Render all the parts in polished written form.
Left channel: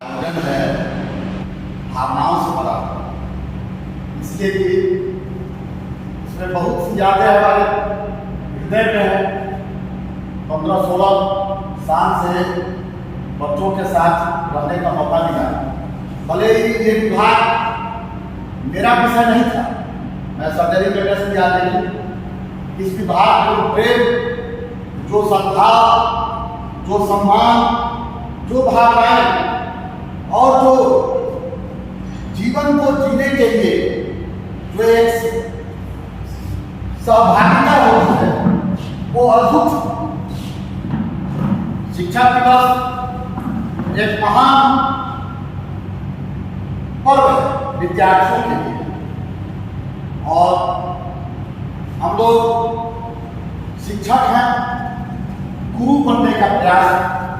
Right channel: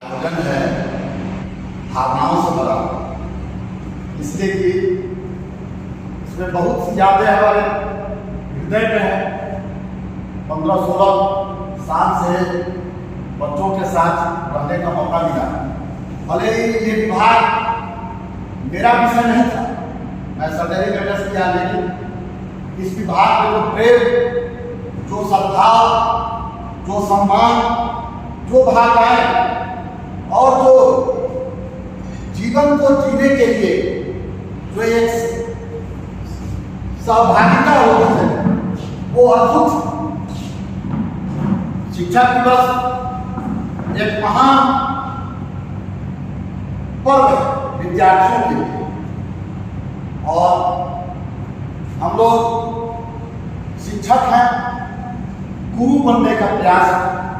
जन है भावनाओं से भरा, इसलिए कि इसमें बहुत सी यादें हमारे हृदय पे हैं। 15-16 साल से बच्चों के साथ रहने का मौका मिला। भले ही ये विभाग मेरा विषय नहीं था, मैं सर्जरी में व्यस्त किया, लेकिन इस विभाग में जो प्रेम, जो सद्भाव, जो सम्मान, जो भावनाएं और जो जीवन को जीने के लिए जो एक सहभागिता होती है, वो अद्भुत। शिक्षक दिवस एक महान पर्व है विद्यार्थियों के लिए, और हम लोग शिक्षक हैं, गुरु बनने का प्रयास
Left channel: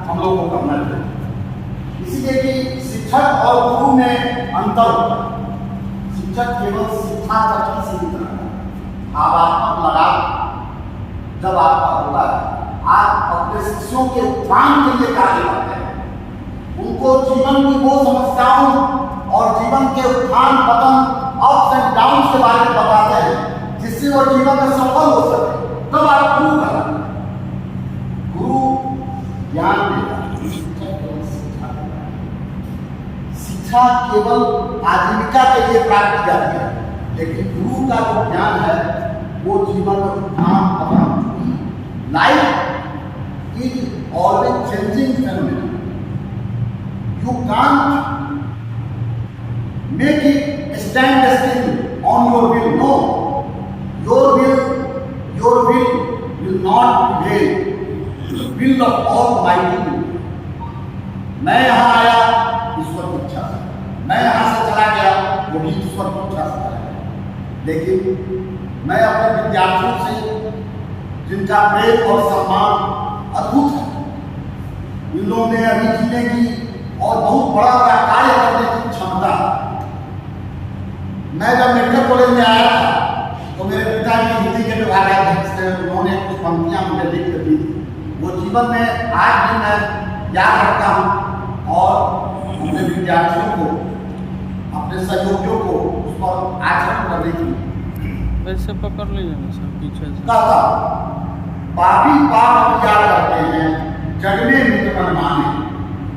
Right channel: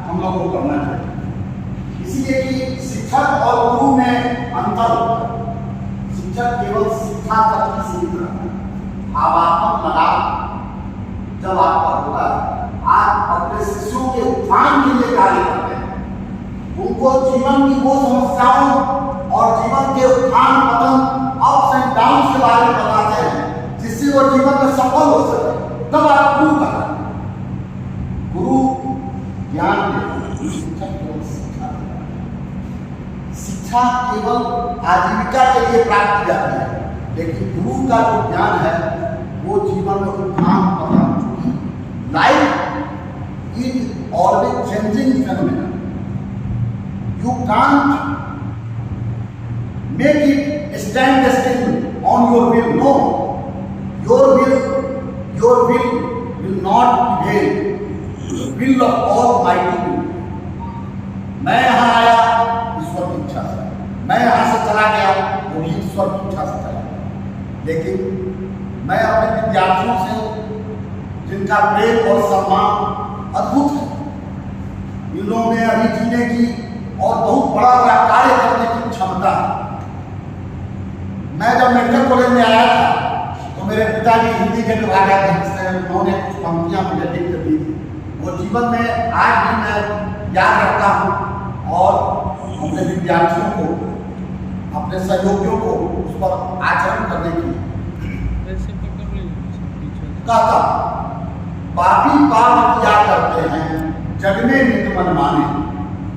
हम लोग को करना चाहिए। इसलिए कि शिक्षक और गुरु में अंतर होता है। शिक्षक केवल शिक्षा तक ही सीमित रहता है। भावात्मक लगाव जब आपका होता है, आप अपने शिष्यों के उत्थान के लिए कार्य करते हैं, उनको जीवन की वो समस्याओं और जीवन के उत्थान पतन, अप्स एंड डाउन के बारे में बताते हैं, जिससे वो जीवन में सफल हो सके। तब आप गुरु कहते हैं। गुरु ज्ञान देता है, शिक्षा केवल आजीविका के लिए प्राप्त की जाती है, लेकिन गुरु का जो ज्ञान है वो जीवन में उत्थान पतन। Life is always changing phenomenon. You can't make it stand still on your will. No, your will not prevail. Will of almighty. मैं यहाँ आया ईश्वर की इच्छा से, मैं यहाँ से चला गया वो भी ईश्वर की इच्छा से चला गया। लेकिन मैं अपने विद्यार्थियों से, जिनका प्रेम और सम्मान अद्भुत है, इन लोगों में अभी जीने की और बहुत बड़ा बड़ा कार्य करने की क्षमता है। मैं जब मेडिकल कॉलेज में आया था तो मेरे पिताजी हिंदी के विभाग अध्यक्ष थे, उन्होंने कुछ पंक्तियाँ मुझे लिख कर दी थी। वो जीवन में आज भी मैं याद रखता हूँ, और अपने विद्यार्थियों को, अपने सहयोगियों को उस पर आचरण करने की ऐसे पकड़ लीजिए सर पीछे से। कहता, पापी पाप किया करते हैं जग में नित मन माने।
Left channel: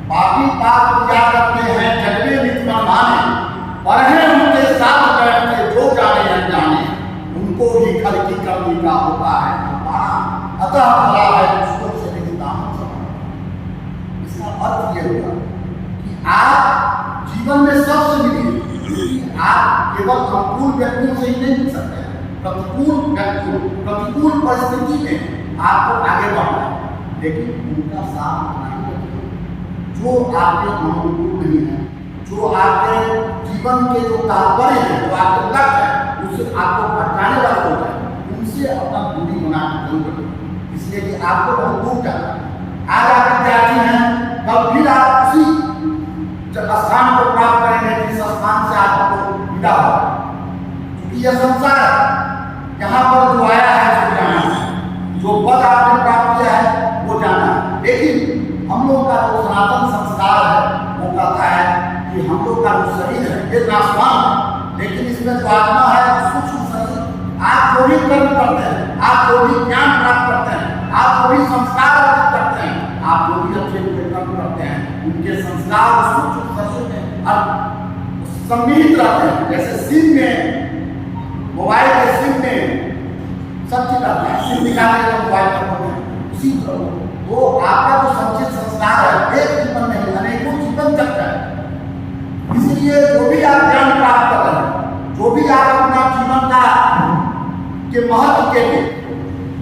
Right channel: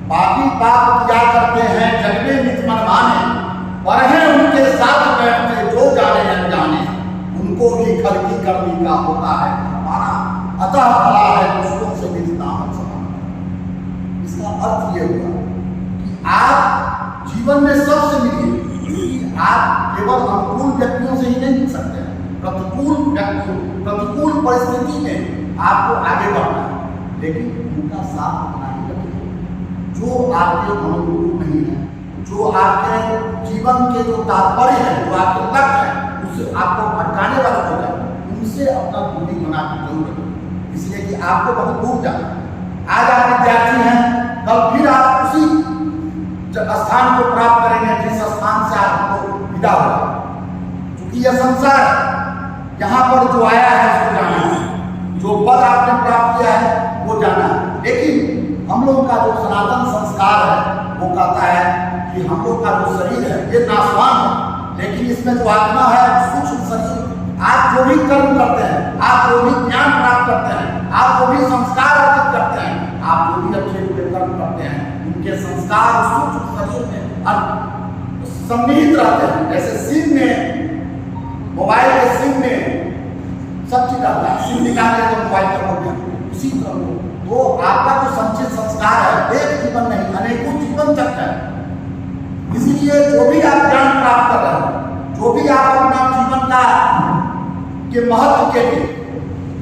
पापी पाप किया करते हैं जग में नित मन माने, पर हैं उनके साथ बैठते जो जाने अनजाने, उनको भी खल की करनी का होता है हमारा। अतः भला है दुष्टों से विदिता हम सब। इसका अर्थ ये हुआ कि आप जीवन में सबसे मिलिए। आप केवल अनुकूल व्यक्तियों से ही नहीं मिल सकते हैं, प्रतिकूल व्यक्तियों, प्रतिकूल परिस्थिति में आपको आगे बढ़ना है, लेकिन उनका साथ उतना ही रखिए जो आपके अनुकूल नहीं है, जो आपके जीवन के जो तात्पर्य है, जो आपके लक्ष्य है, उससे आपको भटकाने वाले होता है, उनसे अपना दूरी बना के जरूर रखें। इसलिए कि आपको बहुत दूर जाना। आज आप विद्यार्थी हैं, कल फिर आप उसी स्थान को प्राप्त करेंगे जिस स्थान से आप आपको विदा होगा। क्योंकि यह संसार यहाँ पर जो आया है वो जाना है, जो पद आपने प्राप्त किया है वो जाना है। लेकिन हम लोगों का जो सनातन संस्कार है वो कहता है कि हम लोग का जो शरीर है ये नाशवान है, लेकिन इसमें जो आत्मा है सूक्ष्म शरीर। आप जो भी कर्म करते हैं, आप जो भी ज्ञान प्राप्त करते हैं, आप जो भी संस्कार अर्जित करते हैं, आप जो भी अच्छे बुरे कर्म करते हैं, उनके संस्कार सूक्ष्म शरीर में सम्मिलित रहते हैं। जैसे सिम में, मोबाइल के सिम में सब चीज रहता है, सिम निकालने का मोबाइल पर होते हैं, उसी तरह वो आपका जो संचित संस्कार है एक जीवन नहीं अनेकों जीवन तक है। इसलिए जो भी आप ज्ञान प्राप्त कर रहे हैं, जो भी आप अपना जीवन का के महत्व के लिए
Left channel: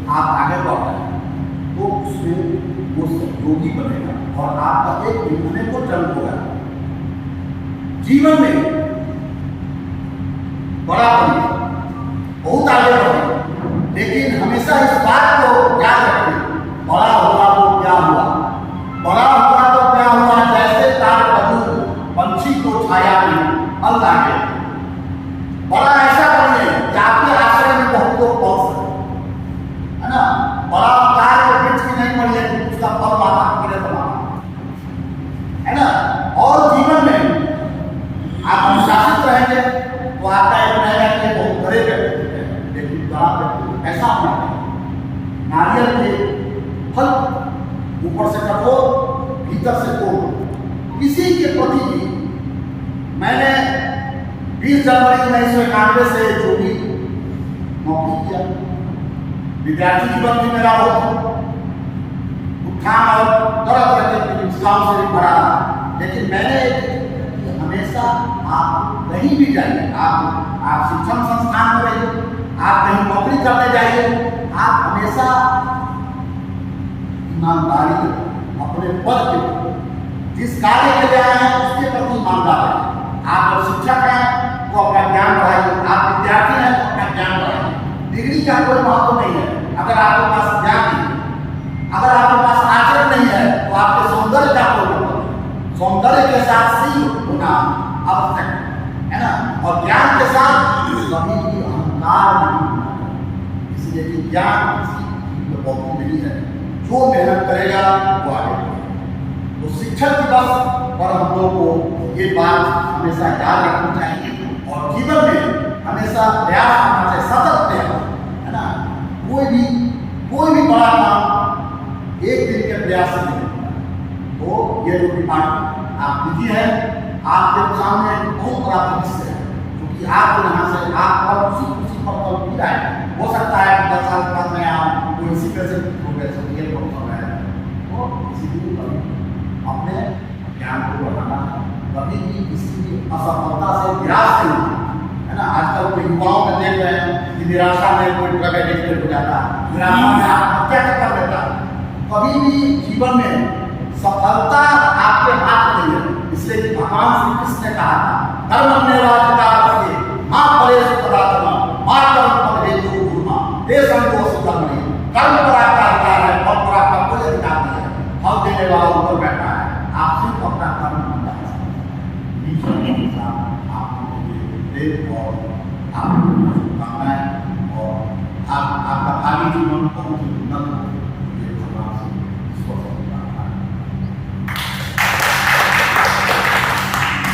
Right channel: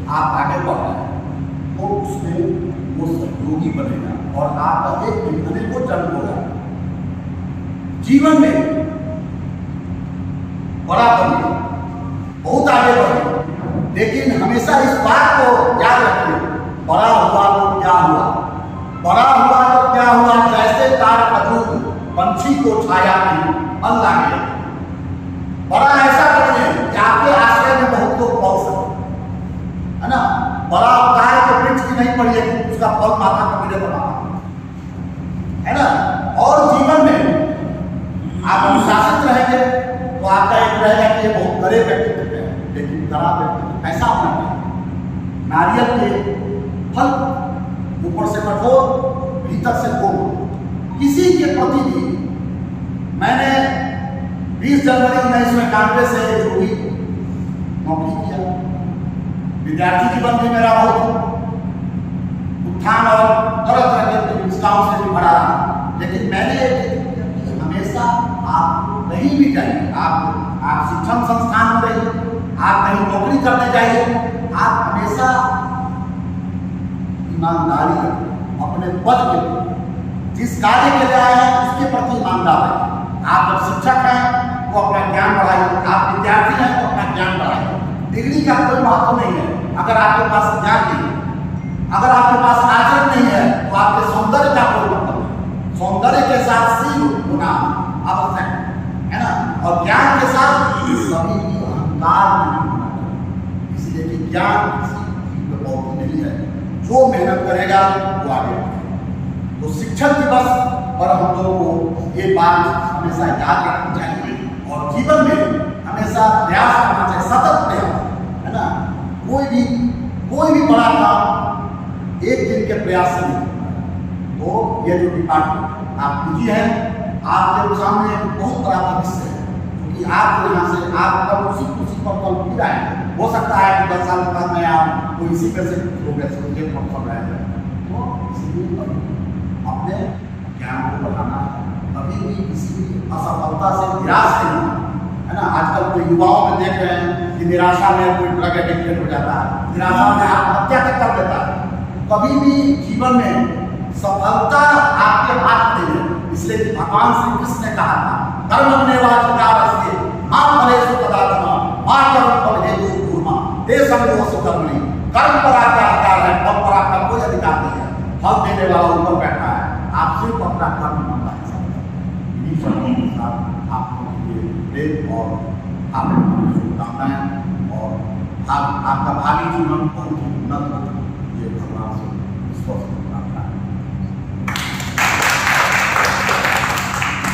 आप आगे बढ़ रहे हैं, वो उसमें वो सहयोगी बनेगा और आपका एक दिन अनेकों जन्म होगा। जीवन में बड़ा बनिए, बहुत आगे बढ़िए, लेकिन हमेशा इस बात को याद रखिए, बड़ा हुआ तो क्या हुआ, बड़ा हुआ तो क्या हुआ, जैसे तार खजूर पंछी को छाया में अल्लाह के। बड़ा ऐसा बनिए कि आपके आश्रय में बहुत लोग पहुंच सके, है ना। बड़ा तार के वृक्ष की नहीं पड़िए, उसका फल माता को मिले तो है ना। और आपका एक रहेगा कि ये बहुत बड़े व्यक्तित्व है, लेकिन बड़ा व्यक्तित्व ऐसा होना चाहिए। नारियल के फल ऊपर से कठोर, भीतर से कोमल। इसी के प्रति भी मैंने 20 जनवरी 1991 से जो भी नौकरी किया, विद्यार्थी जीवन भी मेरा बहुत उत्थान और तरह तरह के पुरस्कारों से भी भरा रहा, लेकिन मैंने हमेशा आप कहीं भी जाइए, आप शिक्षण संस्थान में रहिए, आप कहीं नौकरी करने जाइए, आप हमेशा ईमानदारी अपने पद के जिस कार्य के लिए आए हैं उसके प्रति ईमानदार रहिए। आप जब शिक्षक हैं तो अपना ज्ञान बढ़ाइए, आप विद्यार्थी हैं तो अपना ज्ञान बढ़ाइए। डिग्री का कोई महत्व नहीं है अगर आपके पास ज्ञान नहीं है, अगर आपके पास आचरण नहीं है तो आपके सौंदर्य का कोई मतलब नहीं। सौंदर्य के साथ सील होना आवश्यक है ना, और ज्ञान के साथ कभी भी अहंकार नहीं होना चाहिए। इसलिए कि ज्ञान किसी को नहीं है, जो मेहनत करेगा वो आगे बढ़ेगा। तो शिक्षक दिवस पर हम लोग को ये बात हमेशा याद रखनी चाहिए और जीवन में हमेशा प्रयास करना चाहिए, सतत प्रयास, है ना। कोई भी बड़ा काम एक दिन के प्रयास से नहीं होता। तो ये जो डिपार्टमेंट आप बिजी हैं, आपके सामने एक बहुत बड़ा भविष्य है, क्योंकि आप यहाँ से आप पर उसी पर कल भी आए। हो सकता है कि 10 साल बाद मैं आप कोई इसी तरह से प्रोग्रेस ये प्रॉब्लम रहेगा। तो इसीलिए कभी अपने ज्ञान को बढ़ाना, कभी भी किसी भी असफलता से निराश नहीं होना, है ना। आजकल तो युवाओं में देख रहे हैं कि निराशा में कोई ड्रग एडिक्टेड हो जाता है, निराशा में आत्महत्या तक कर देता है। कभी भी जीवन में सफलता आपके हाथ नहीं है, इसलिए भगवान श्री कृष्ण ने कहा था कर्मण्येवाधिकारस्ते मा फलेषु कदाचन मा कर्मफल हेतु कुर्मा ते संगोऽसि कर्मणि। कर्म पर आपका अधिकार है, फल पर आपका कोई अधिकार नहीं है। फल देने वाला ऊपर बैठा है, आप सिर्फ अपना कर्म ईमानदारी से आपको और आपको शुभकामनाएं और आपका भावी जीवन बहुत ही उन्नत हो।